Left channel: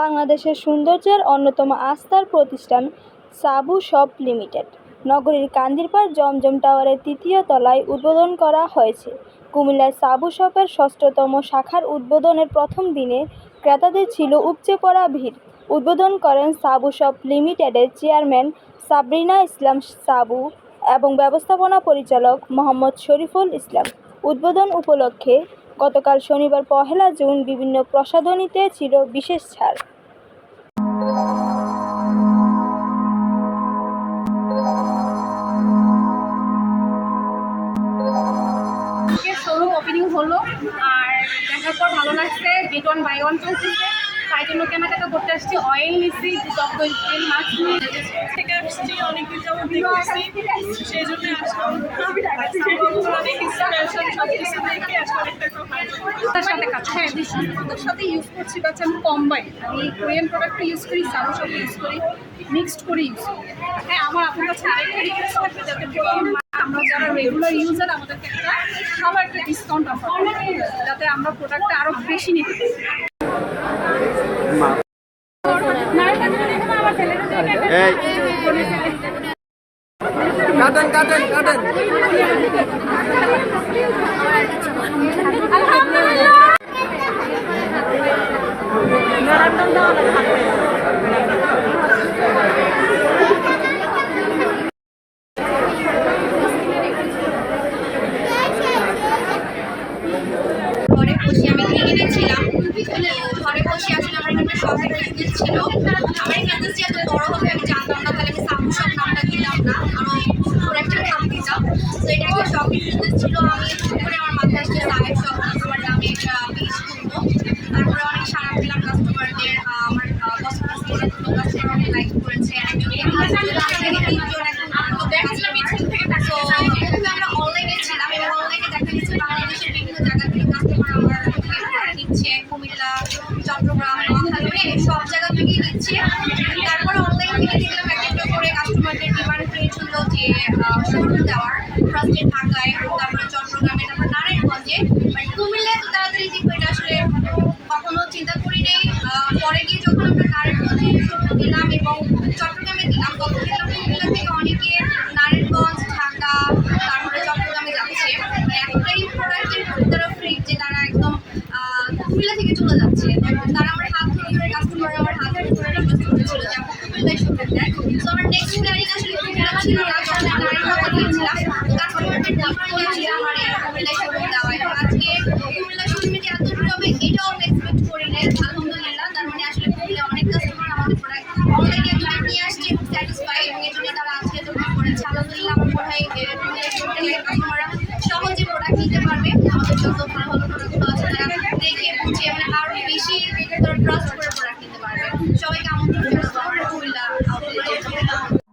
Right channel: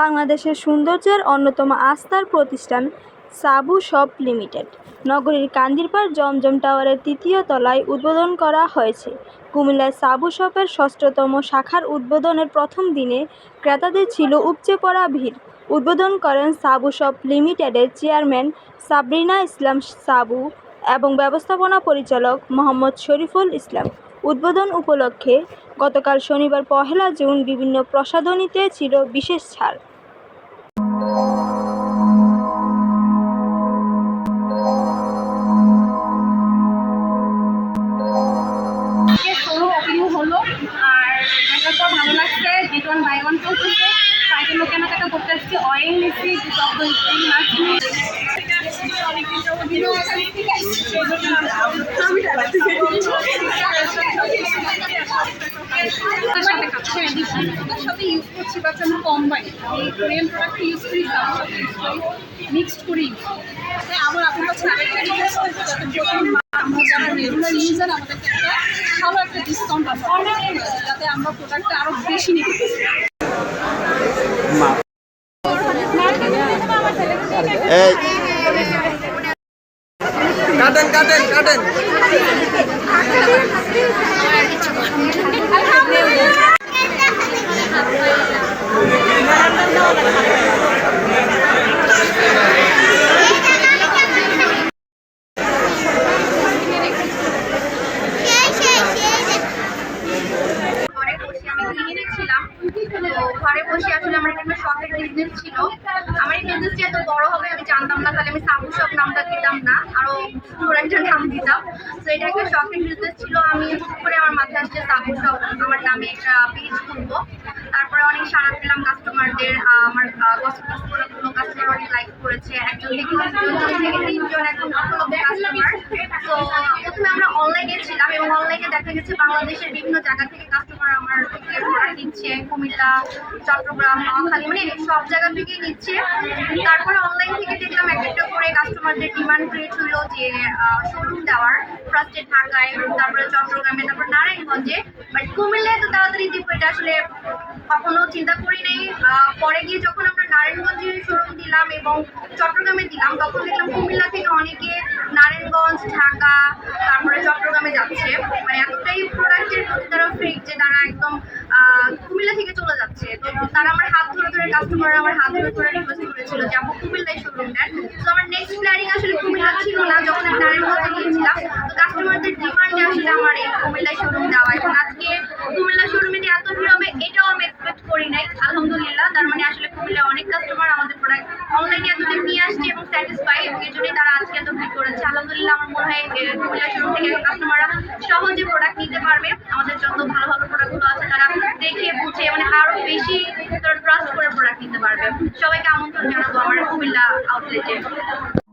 বাংলাদেশের সৌন্দর্যের অন্যতম আস্থার প্রতিষ্ঠান সাবু শপ লিমিটেড। নগরীর কান্দিরপাড় জমজম টাওয়ারের তৃতীয় তলায় উদ্বোধন করা হয়েছে। কুমিল্লার সাবু শপের ষষ্ঠতম শাখার উদ্বোধনের প্রথম দিনে ক্রেতাদের ছিল উপচে পড়া ভিড়। উদ্বোধন করেন সাবু শপ লিমিটেডের চেয়ারম্যান সাবরিনা ইসলাম সাবু এবং ব্যবস্থাপনা পরিচালক মোহাম্মদ শরীফুল ইসলাম। উদ্বোধন উপলক্ষে গতকাল শনিবার পহেলা জুন বিভিন্ন প্রসাধনীতে ছিল বিশেষ ছাড়। শোরুম ওপেনিং হলো আর দেখার পর ভালো লাগছে গেট ওয়ান বাই ওয়ান চলতেছে। তাই জন্য কেনাকাটা করতে আসছি। অয়েল নিচ্ছি টক দই মাছ নিয়ে। অনেক সেই হ্যাঁ সাথে ইউজ করছি বাচ্চা আমি কম্বাইন আমি কোরিয়ান প্রোডাক্ট ইউজ করি সাবুর সাথে ইউজ করি মিক্সড করে ইউজ করি। হ্যাঁ আমার আপনার কাছে আরেকটা রিকোয়েস্ট থাকবে, যাতে আমরা যারা রেগুলার ইউজার আমাদেরকে একটা ভালো একটা ডিসকাউন্ট অফার যাতে আমরা প্রোডাক্টটা আরও বেশি নিতে পারি। কাটেন কাটেন কাটেন। ছিলাম ঘরে বসে আসলে আমার এখানে শপের বিজনেস ছিল। আমার এই এত বড় হবে, আমি জানতাম না, তাহলে আমি সাবু নামটা দিতাম না। আরও সুন্দর একটা নাম দিতাম। তো এটা একটা শপিং বিজনেস ছিল, আমি করে আমার মাথায় আসছে সাবেক শপ আমার নামে একটা পেজ খুলবো। তারপরে অনেক সারা পেলাম কাস্টমারদের আমার কসমেটিক্স প্রোডাক্টগুলো কাছে অনেক লাইক করেছে তো আমরা অনলাইনে ছিলাম এবং অনলাইনে বাংলাদেশের বিভিন্ন জায়গা থেকে কাস্টমার আমার নিচ্ছে, কুমিল্লা, চট্টগ্রাম, নোয়াখালী মানে সব জায়গা থেকেই নিচ্ছে। তারপরে অনলাইন থেকে দেখলাম এক একটা করে কাস্টমারদের ডিমান্ড ক্রিয়েট হলো যে শোরুম দেওয়ার ফার্স্টে ঢাকায়, তারপরে চট্টগ্রামে, তারপর নারায়ণগঞ্জে। বাট কুমিল্লায় তো তাড়াতাড়ি দিব এটা আসলে কখনো চিন্তা করি নাই। পরে গিয়ে যখন আমরা নারায়ণগঞ্জে শোরুম দিলাম এবং চট্টগ্রামে দিলাম, তখন দেখলাম কুমিল্লা থেকে অনেকে কুমিল্লা থেকে চলে যাচ্ছে। তারা আমার হাত ধরে ধরে আমার হাত ধরে ধরে করেছিল যে কুমিল্লায় তো আমার নেক্সট প্ল্যানিং আসলে কুমিল্লা ছিল না, যখন আমি নারায়ণগঞ্জে গিয়েছিলাম, তো কাস্টমারদের আসলে আমার এই কুমিল্লায় দেওয়া। এবং আজকে কুমিল্লা শোরুমে যে এত ভিড় হবে, এটাও আমি এক্সপেক্ট করি নাই, আলহামদুলিল্লাহ। তার মানে আসলে কুমিল্লা অনেক কাস্টমার আমাদের প্রোডাক্ট অনলাইনে এতদিন নিয়ে আসছে এবং স্যাটিসফাই এবং এই জন্যই তারা আজকে এত ভিড় করেছে। আলহামদুলিল্লাহ, আমার মনে হয় কুমিল্লা শোরুম থেকে কাস্টমাররা সহজে প্রোডাক্ট নিতে পারবে। আমাদের যত ভালো ভালো প্রোডাক্টগুলো আছে, তারা দেখে বেশি ট্রাস্ট করে প্রোডাক্ট নিতে পারবে। সবাইকে আমন্ত্রণ জানাব আমার কুমিল্লা আউটলেটে